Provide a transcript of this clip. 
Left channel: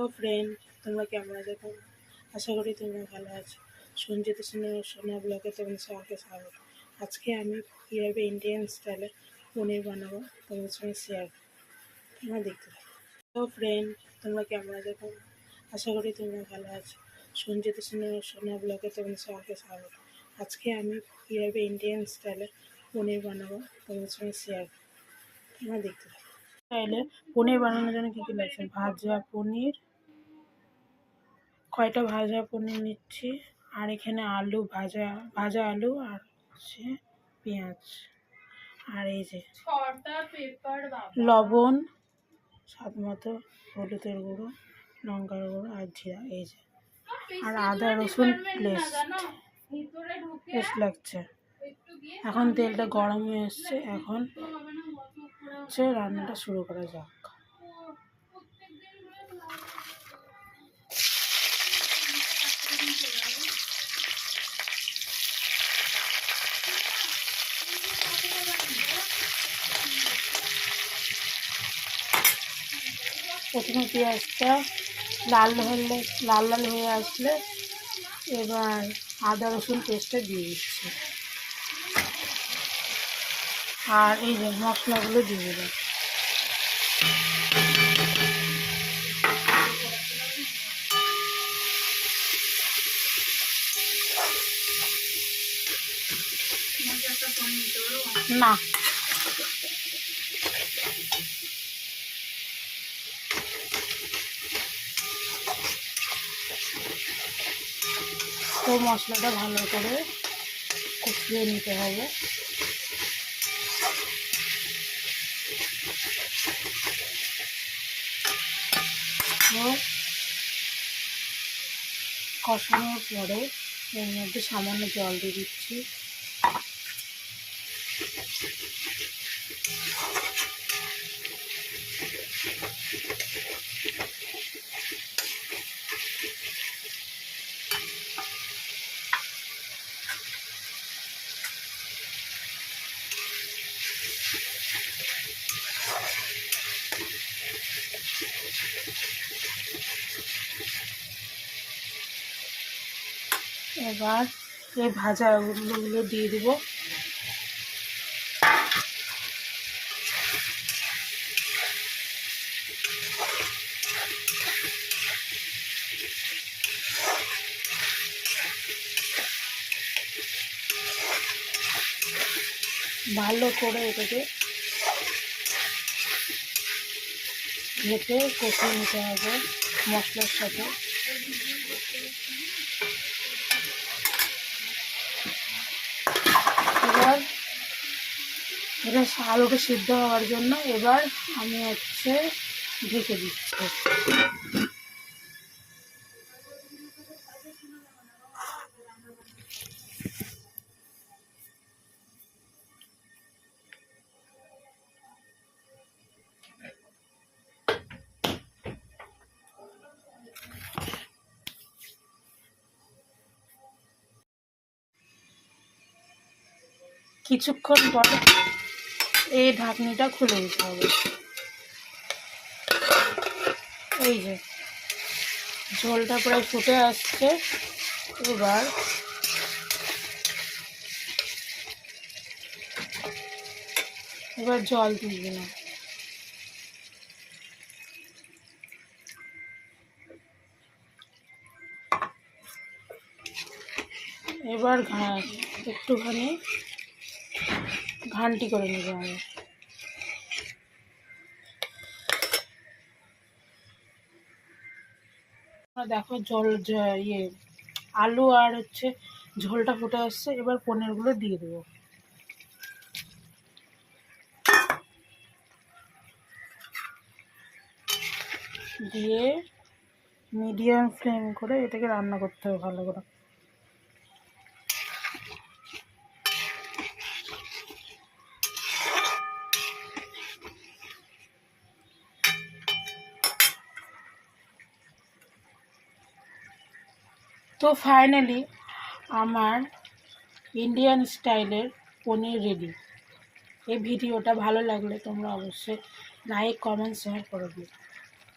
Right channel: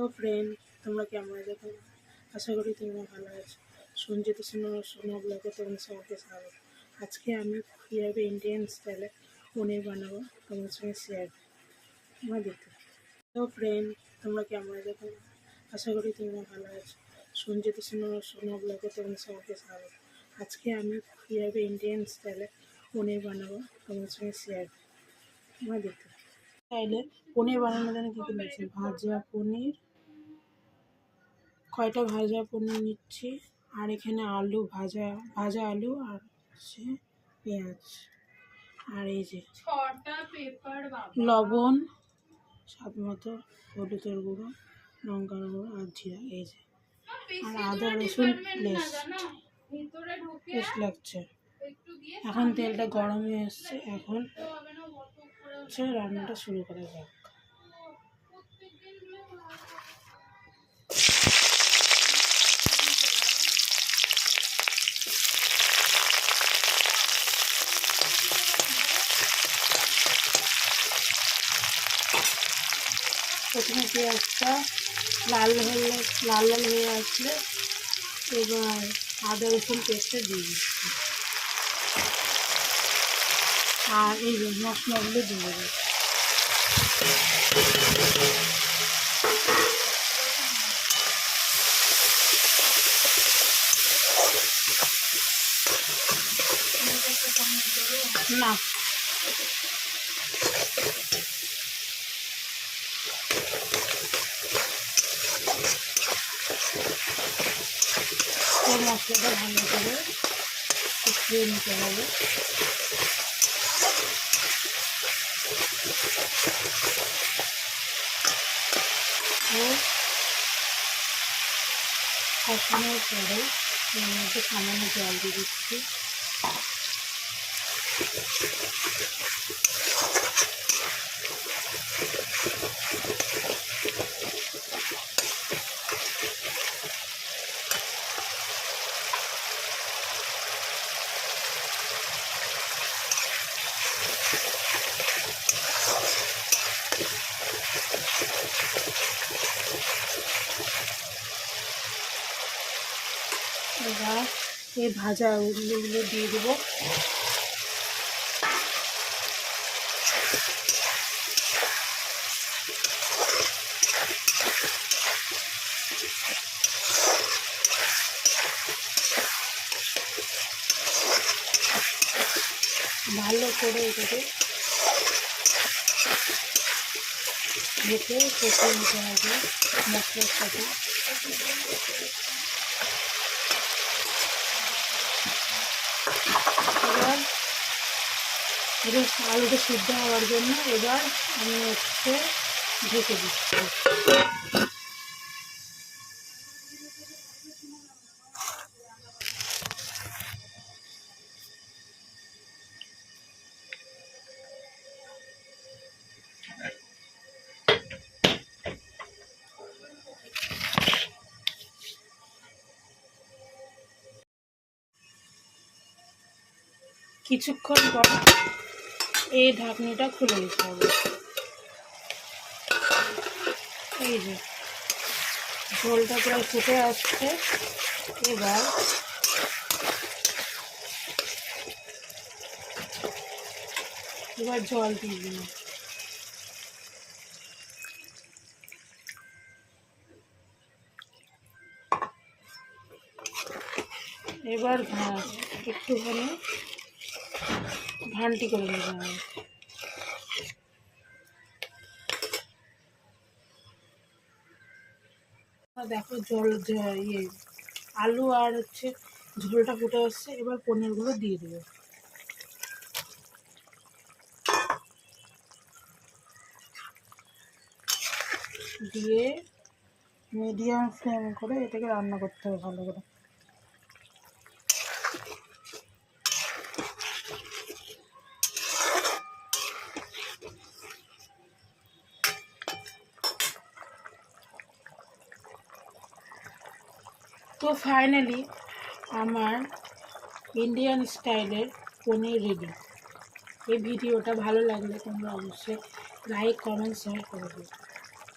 তো ফ্রেন্ড, তোমরা কেমন আছো? আশা করি তোমরা ভালো আছো। সঞ্জিত সোনা ব্লগে তোমাদের সবাইকে স্বাগত। আজকে আমি কীভাবে ইন্ডিয়ান স্টাইলে পনির বানাবো তোমাদের সঙ্গে শেয়ার তোমরা দেখতে থাকো। তো ফ্রেন্ড, তোমরা কেমন আছো? আশা করি তোমরা ভালো আছো। সঞ্জিত সোনা ব্লগে তোমাদের সবাইকে স্বাগত। আজকে আমি কীভাবে ইন্ডিয়ান স্টাইলে পনির বানাবো তোমাদের সঙ্গে শেয়ার তোমরা দেখতে থাকো। স্টাইলে পনির বানানোর জন্য কী কী লাগছে? ভাজা পনির, কয়টা ভাজা পনির নিচ্ছি, আর এখানে আলু, ভাজা আলু, আর হচ্ছে পেঁয়াজ, আর এই যে লবণ স্বাদ মতো, হলুদের গুঁড়ো, লঙ্কার গুঁড়ো, আর জিরা, এই যে, আর আদা রসুন পেস্ট লাগছে। এখন তেলটা গরম হয়ে এসছে, এখন হচ্ছে রান্নাটা শুরু করা যাক। প্রথমে পেঁয়াজটা লাল হয়ে আসলে এবার আদা রসুন পেস্টটা দিয়ে দিচ্ছি, আর এই যে মশলাগুলো দিয়ে দেবো। না, তো মশলাটা ভালো করে কষিয়ে নিতে হবে। তো কষানোর পরে এর মধ্যে সামান্য জল দিয়ে দিচ্ছি। এবার এই ভাজা আলুগুলো দিয়ে দেবো। ভালো করে এটাকে ভেজে কষিয়ে নিতে হবে মশলার সাথে। এবার এটা আলুটা সিদ্ধ হওয়ার জন্য এবার আমি হচ্ছে ঢেকে দিচ্ছি। কিছুক্ষণ পরে এই ঢাকনিটা খুলে দিতে হবে। এই যে ঝোলটা প্রায় ফুটে আসছে, এবার জল দিয়ে দিলাম। এবার একটুখানি ঘান্টি করে নেবো আমি। দেখো আলু আর হচ্ছে ঝোলটা ফুটে আসছে, এবার পনিরগুলো দিয়ে দেবো। দিয়ে মিডিয়াম ফ্লেম করে এটাকে রান্না করতে হবে ভালো করে। তো ফাইনালি আমার ইন্ডিয়ান স্টাইলের পনির রেডি। এই ভিডিওটা ভালো লাগলে তোমরা অবশ্যই লাইক, কমেন্ট, শেয়ার করে দিও।